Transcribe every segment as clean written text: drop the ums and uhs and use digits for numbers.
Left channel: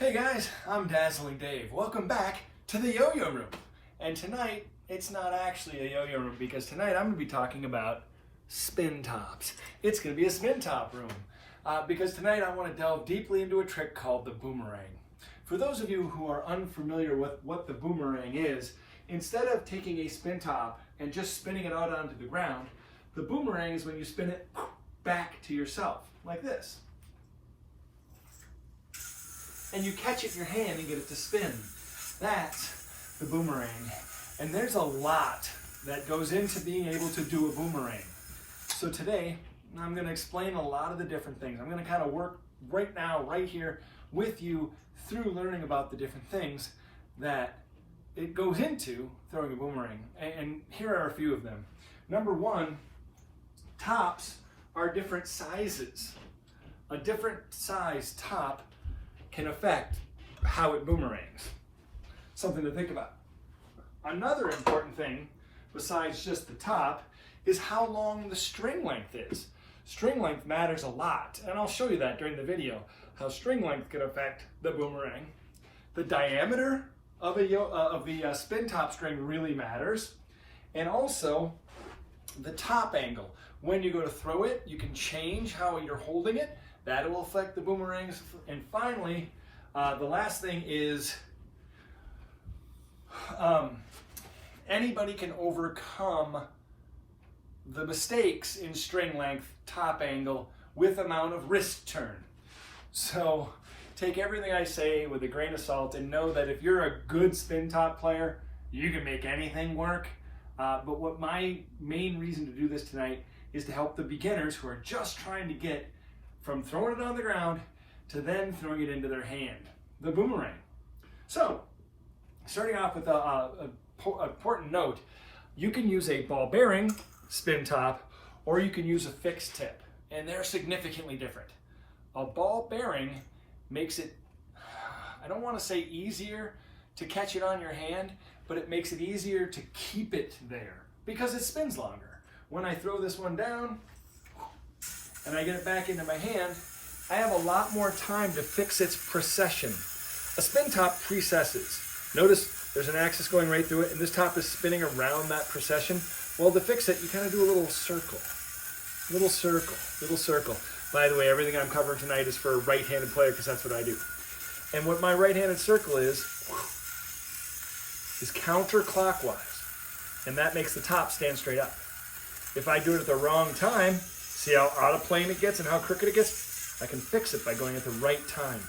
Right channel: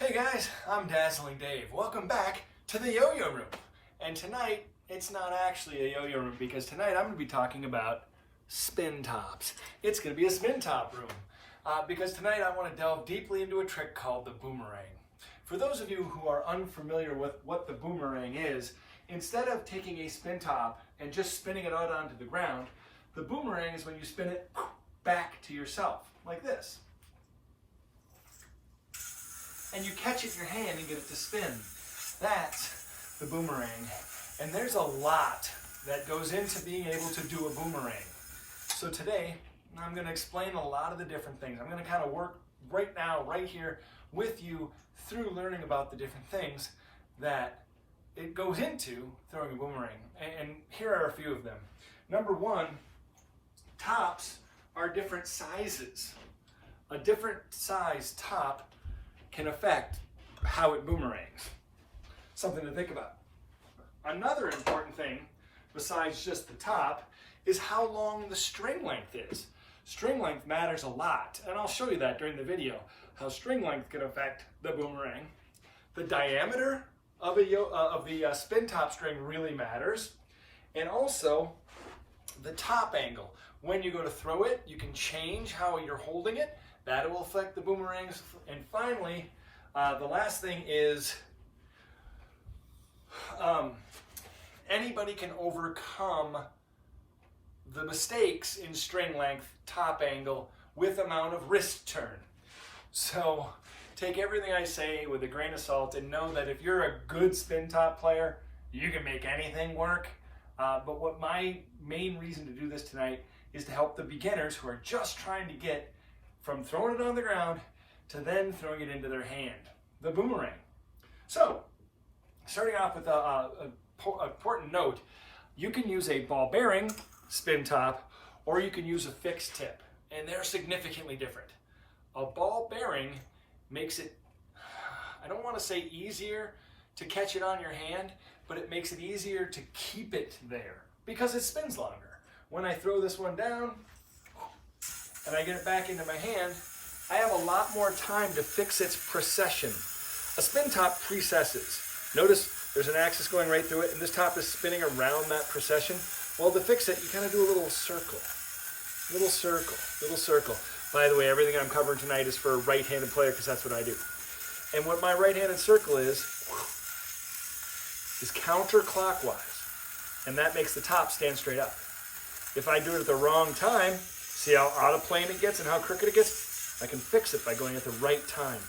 Hey guys, I'm Dazzling Dave. Welcome back to the yo-yo room. And tonight, it's not actually a yo-yo room because tonight I'm going to be talking about spin tops. It's going to be a spin top room because tonight I want to delve deeply into a trick called the boomerang. For those of you who are unfamiliar with what the boomerang is, instead of taking a spin top and just spinning it out onto the ground, the boomerang is when you spin it back to yourself, like this. And you catch it in your hand and get it to spin. That's the boomerang. And there's a lot that goes into being able to do a boomerang. So today, I'm going to explain a lot of the different things. I'm going to kind of work right now, right here with you through learning about the different things that it goes into throwing a boomerang. And here are a few of them. Number one, tops are different sizes. A different size top can affect how it boomerangs. Something to think about. Another important thing, besides just the top, is how long the string length is. String length matters a lot, and I'll show you that during the video, how string length can affect the boomerang. The diameter of the spin top string really matters, and also the top angle. When you go to throw it, you can change how you're holding it. That will affect the boomerangs. And finally, the last thing is anybody can overcome the mistakes in string length, top angle, with amount of wrist turn. So take everything I say with a grain of salt and know that if you're a good spin top player, you can make anything work. But what my main reason to do this tonight is to help the beginners who are just trying to get from throwing it on the ground to then throwing it into their hand, the boomerang. So, starting off with an important note, you can use a ball bearing spin top or you can use a fixed tip, and they're significantly different. A ball bearing makes it, I don't want to say easier to catch it on your hand, but it makes it easier to keep it there because it spins longer. When I throw this one down, and I get it back into my hand, I have a lot more time to fix its precession. A spin top precesses. Notice there's an axis going right through it, and this top is spinning around that precession. Well, to fix it, you kind of do a little circle. Little circle, little circle. By the way, everything I'm covering tonight is for a right-handed player because that's what I do. And what my right-handed circle is counterclockwise, and that makes the top stand straight up. If I do it at the wrong time, see how out of plane it gets and how crooked it gets? I can fix it by going at the right time.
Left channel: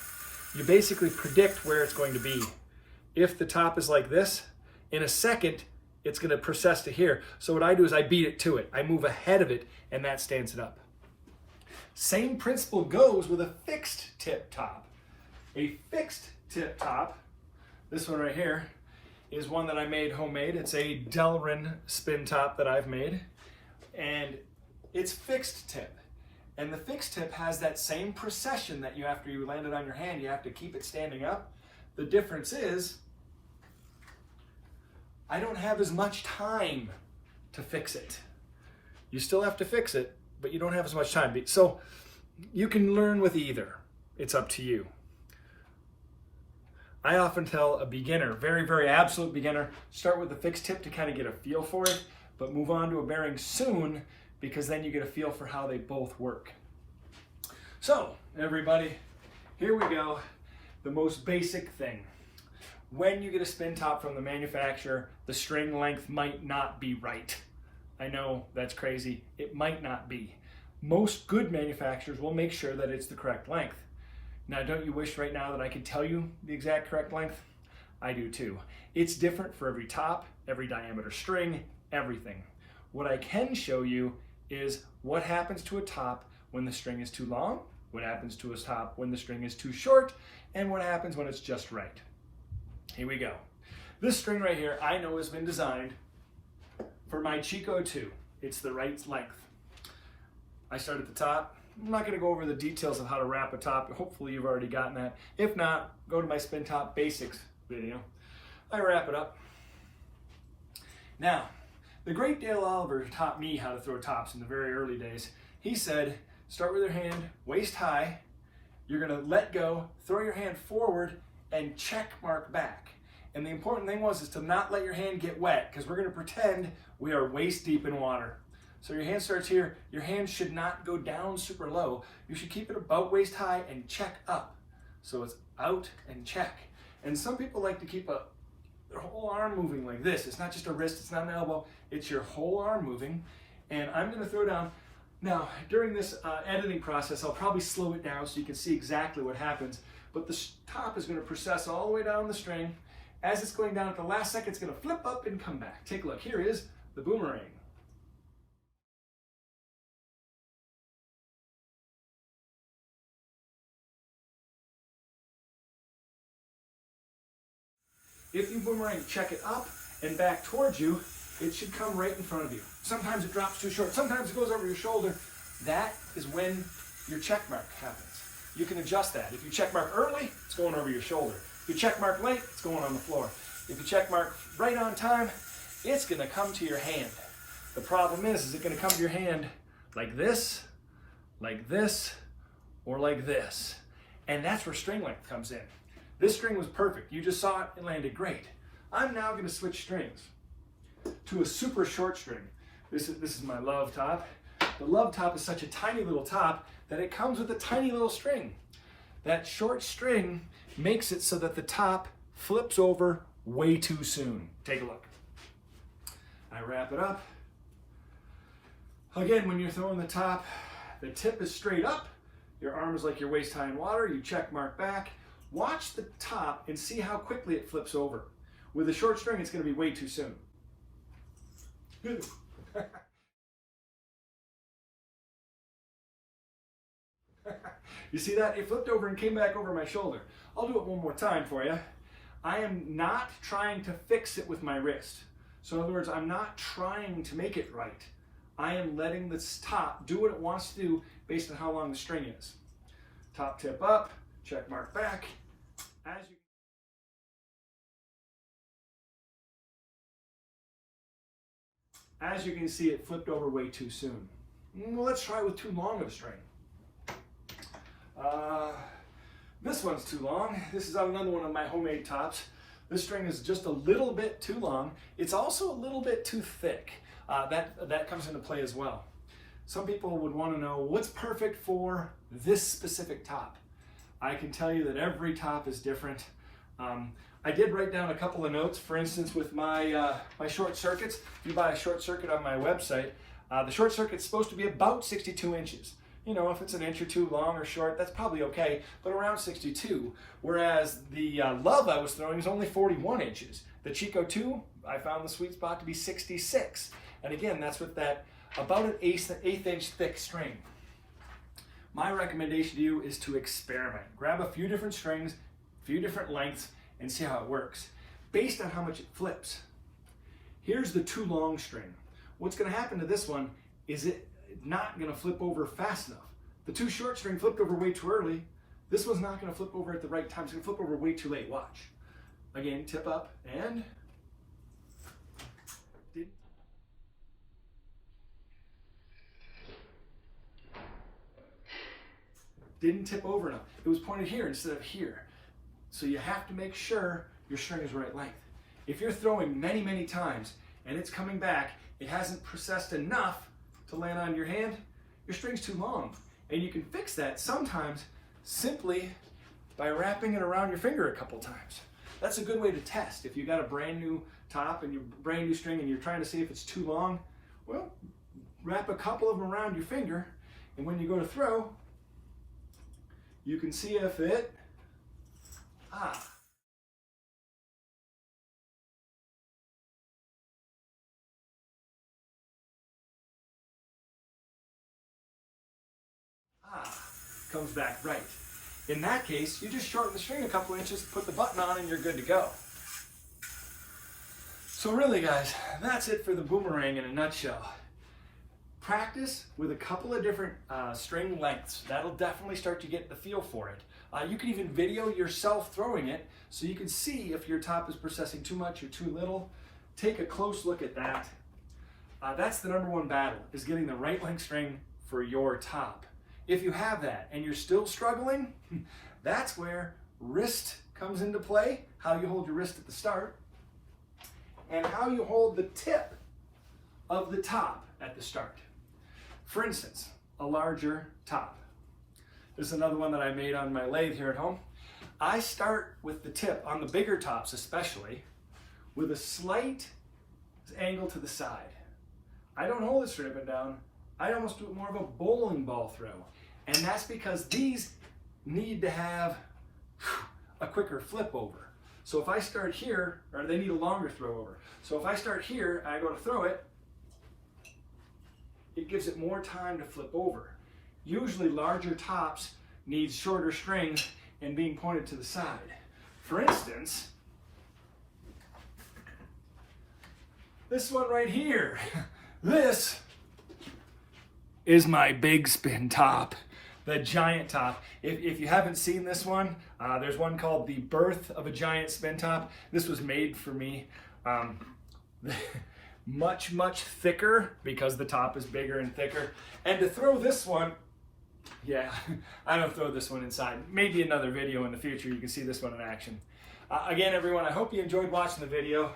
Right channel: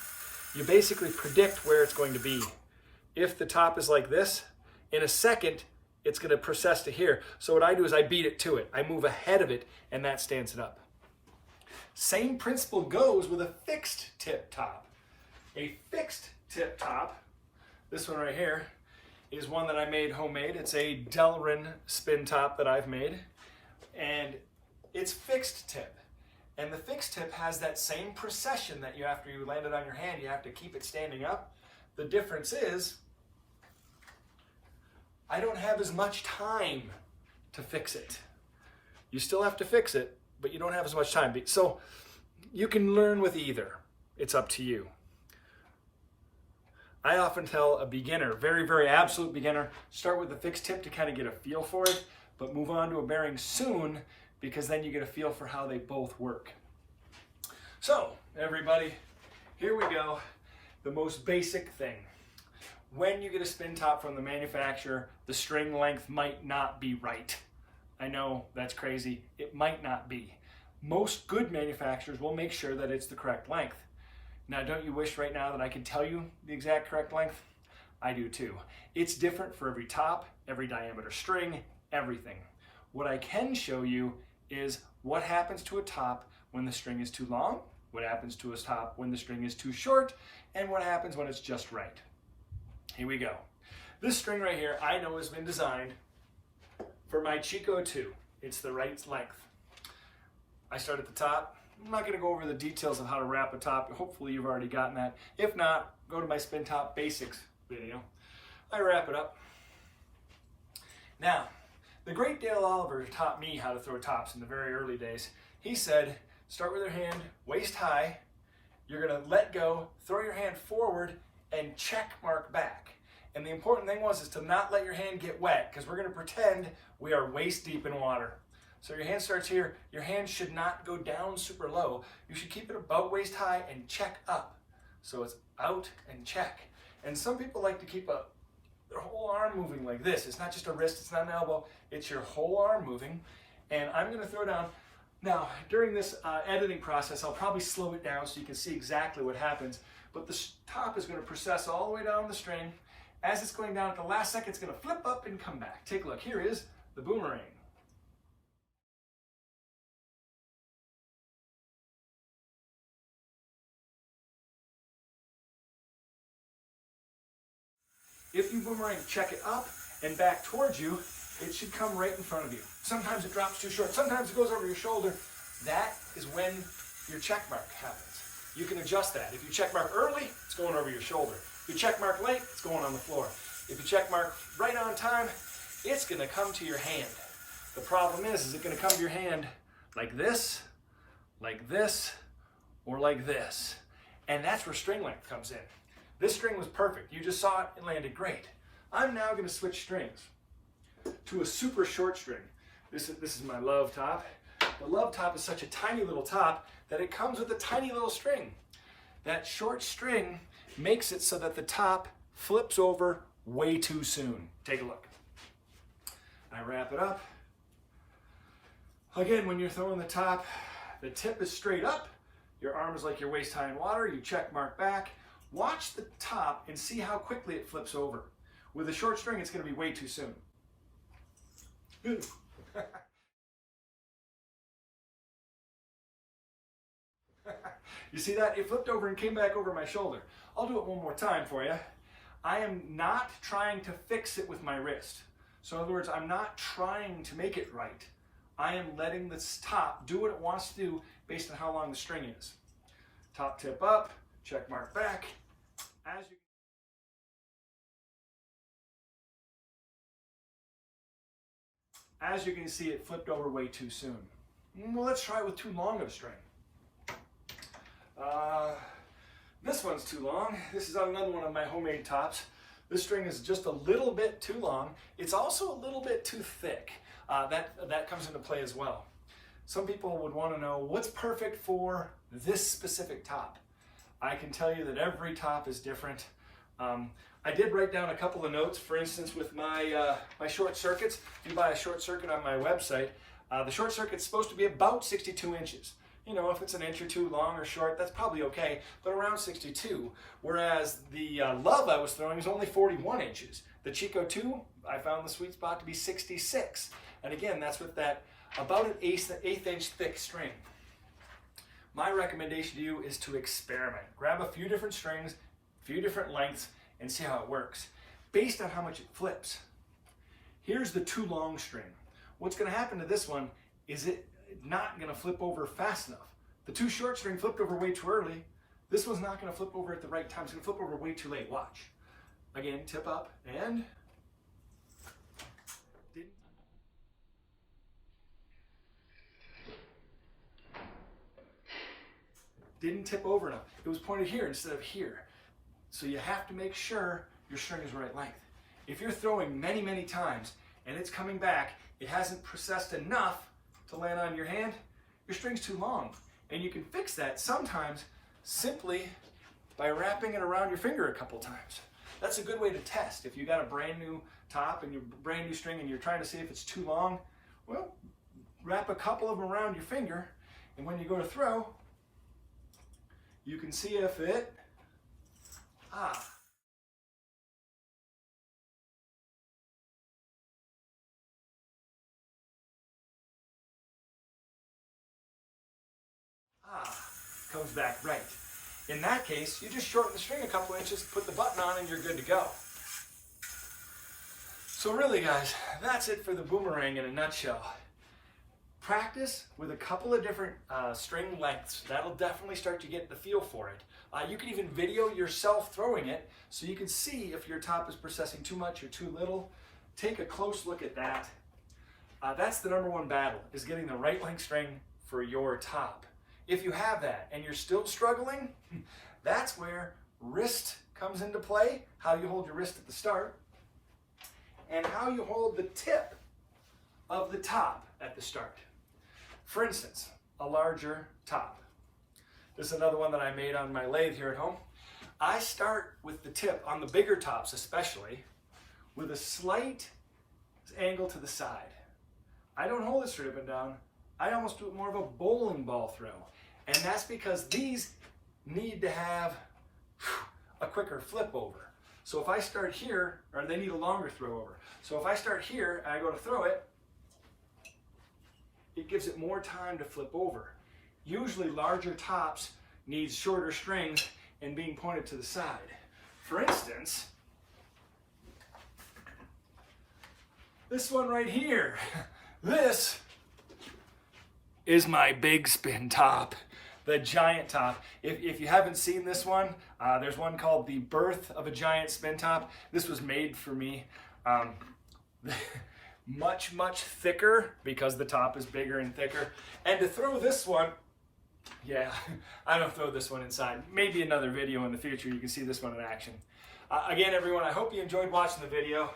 You basically predict where it's going to be. If the top is like this, in a second, it's going to precess to here. So what I do is I beat it to it. I move ahead of it, and that stands it up. Same principle goes with a fixed tip top. A fixed tip top, this one right here, is one that I made homemade. It's a Delrin spin top that I've made. And it's fixed tip. And the fixed tip has that same precession that you, after you land it on your hand, you have to keep it standing up. The difference is, I don't have as much time to fix it. You still have to fix it, but you don't have as much time. So you can learn with either. It's up to you. I often tell a beginner, very, very absolute beginner, start with the fixed tip to kind of get a feel for it, but move on to a bearing soon, because then you get a feel for how they both work. So, everybody, here we go. The most basic thing. When you get a spin top from the manufacturer, the string length might not be right. I know that's crazy. It might not be. Most good manufacturers will make sure that it's the correct length. Now, don't you wish right now that I could tell you the exact correct length? I do too. It's different for every top, every diameter string, everything. What I can show you is what happens to a top when the string is too long, what happens to a top when the string is too short, and what happens when it's just right. Here we go. This string right here I know has been designed for my Chico 2. It's the right length. I start at the top. I'm not going to go over the details of how to wrap a top. Hopefully you've already gotten that. If not, go to my Spin Top Basics video. I wrap it up. Now, the great Dale Oliver taught me how to throw tops in the very early days. He said, start with your hand waist high. You're gonna let go, throw your hand forward, and check mark back. And the important thing is to not let your hand get wet, because we're gonna pretend we are waist deep in water. So your hand starts here, your hand should not go down super low. You should keep it about waist high and check up. So it's out and check. And some people like to keep their whole arm moving like this. It's not just a wrist, it's not an elbow, it's your whole arm moving. And I'm gonna throw down. Now, during this editing process, I'll probably slow it down so you can see exactly what happens. But the top is gonna process all the way down the string. As it's going down at the last second, it's gonna flip up and come back. Take a look, here is the boomerang. If you boomerang, check it up and back towards you, it should come right in front of you. Sometimes it drops too short, sometimes it goes over your shoulder. That is when your check mark happens. You can adjust that. If you check mark early, it's going over your shoulder. If you check mark late, it's going on the floor. If you check mark right on time, it's gonna come to your hand. The problem is it gonna come to your hand like this, or like this? And that's where string length comes in. This string was perfect. You just saw it, it landed great. I'm now gonna switch strings to a super short string. This is my love top. The love top is such a tiny little top that it comes with a tiny little string. That short string makes it so that the top flips over way too soon. Take a look. I wrap it up. Again, when you're throwing the top, the tip is straight up. Your arm is like your waist high in water. You check mark back. Watch the top and see how quickly it flips over. With a short string, it's going to be way too soon. You see that? It flipped over and came back over my shoulder. I'll do it one more time for you. I am not trying to fix it with my wrist. So in other words, I'm not trying to make it right. I am letting this top do what it wants to do based on how long the string is. Top tip up, check mark back. As you can see, it flipped over way too soon. Let's try with too long of a string. This one's too long. This is on another one of my homemade tops. This string is just a little bit too long. It's also a little bit too thick. That comes into play as well. Some people would want to know what's perfect for this specific top. I can tell you that every top is different. I did write down a couple of notes. For instance, with my short circuits, if you buy a short circuit on my website, the short circuit's supposed to be about 62 inches. You know, if it's an inch or two long or short, that's probably okay, but around 62. Whereas the Love I was throwing is only 41 inches. The Chico 2, I found the sweet spot to be 66. And again, that's with that about an eighth inch thick string. My recommendation to you is to experiment. Grab a few different strings, a few different lengths, and see how it works, based on how much it flips. Here's the too long string. What's gonna happen to this one is it's not gonna flip over fast enough. The too short string flipped over way too early. This one's not gonna flip over at the right time. It's gonna flip over way too late. Watch. Again, tip up and didn't tip over enough. It was pointed here instead of here. So you have to make sure your string is right length. If you're throwing many, many times and it's coming back, it hasn't processed enough to land on your hand, your string's too long. And you can fix that sometimes simply by wrapping it around your finger a couple times. That's a good way to test. If you got a brand new top and your brand new string and you're trying to see if it's too long, well, wrap a couple of them around your finger, and when you go to throw, you can see if it, comes back right. In that case, you just shorten the string a couple inches, put the button on, and you're good to go. So really, guys, that's it for the boomerang in a nutshell. Practice with a couple of different string lengths. That'll definitely start to get the feel for it. You can even video yourself throwing it so you can see if your top is processing too much or too little. Take a close look at that. That's the #1 battle, is getting the right length string for your top. If you have that and you're still struggling, that's where wrist comes into play, how you hold your wrist at the start, and how you hold the tip of the top at the start. For instance, a larger top. This is another one that I made on my lathe here at home. I start with the tip, on the bigger tops especially, with a slight angle to the side. I don't hold it straight up and down. I almost do it more of a bowling ball throw. And that's because these need to have a quicker flip over. So if I start here, or they need a longer throw over. So if I start here and I go to throw it, it gives it more time to flip over. Usually larger tops need shorter strings and being pointed to the side. For instance, this one right here. This is my big spin top, the giant top. If you haven't seen this one, there's one called The Birth of a Giant Spin Top. This was made for me. Much, much thicker because the top is bigger and thicker. And to throw this one, yeah, I don't throw this one inside. Maybe another video in the future you can see this one in action. Again, everyone, I hope you enjoyed watching the video.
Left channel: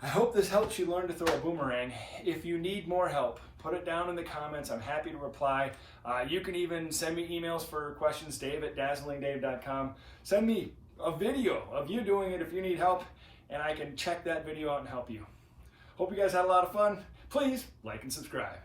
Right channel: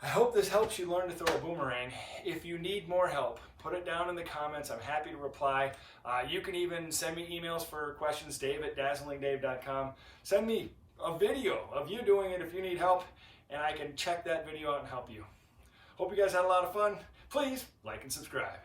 I hope this helps you learn to throw a boomerang. If you need more help, put it down in the comments. I'm happy to reply. You can even send me emails for questions, dave@dazzlingdave.com. Send me a video of you doing it if you need help, and I can check that video out and help you. Hope you guys had a lot of fun. Please like and subscribe.